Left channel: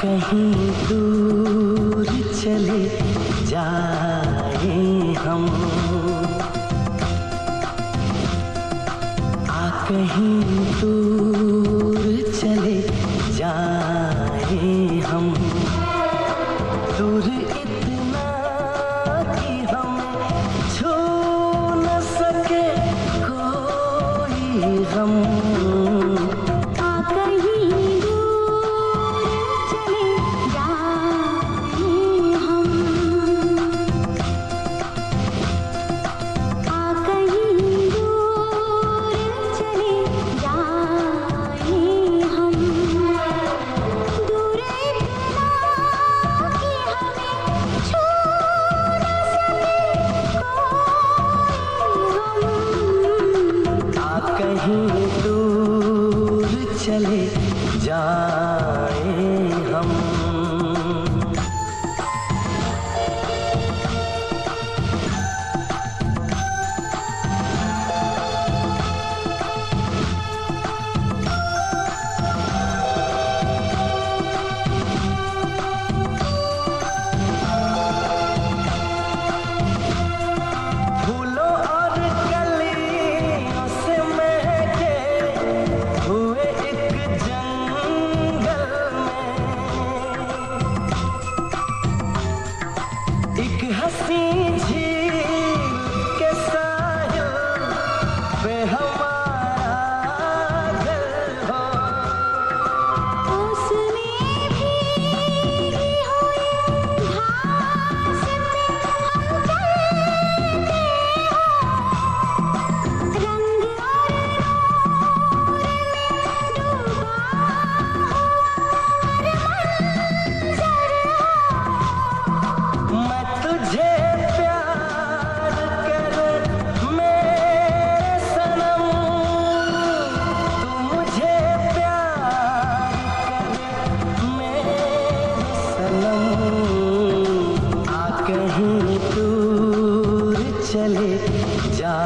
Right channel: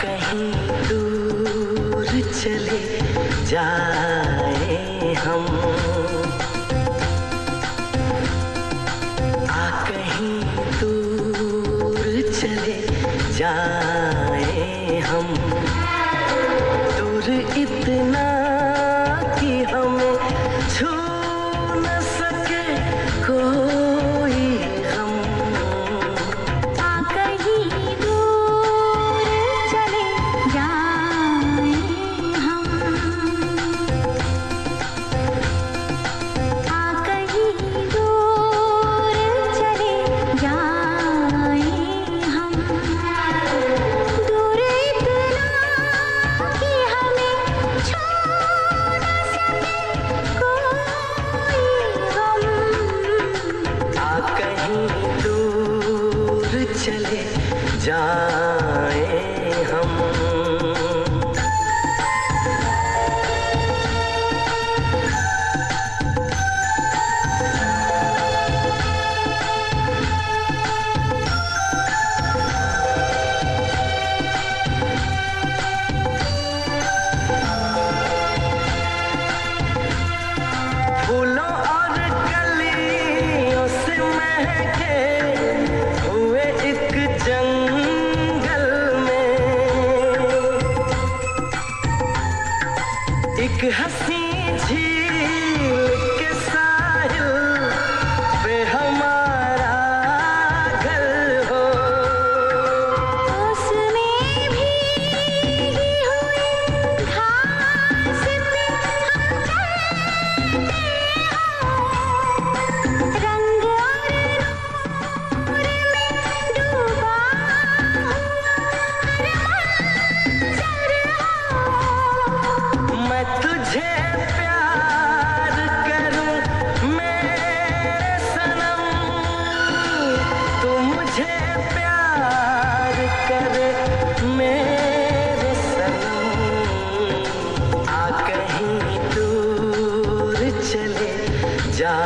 कहीं दूर चले जाए हम, आ कहीं दूर चले जाए हम, दूर इतना कि हमें छू न सके कोई गम। आ कहीं दूर चले जाए हम, आ कहीं दूर चले जाए हम, दूर इतना कि हमें छू न सके कोई गम। आ कहीं दूर चले जाए हम। फूलों और कलियों से महके हुए एक जंगल में, एक हंसी झील के साहिल पे हमारा घर हो। उसमें भीगी हुई घास पे हम चलते हो, रंग और नूर में डूबा हुआ हर मंजर हो। मैं तुझे प्यार करूं मेरे सनम, तू मुझे प्यार करे मेरे सनम। आ कहीं दूर चले जा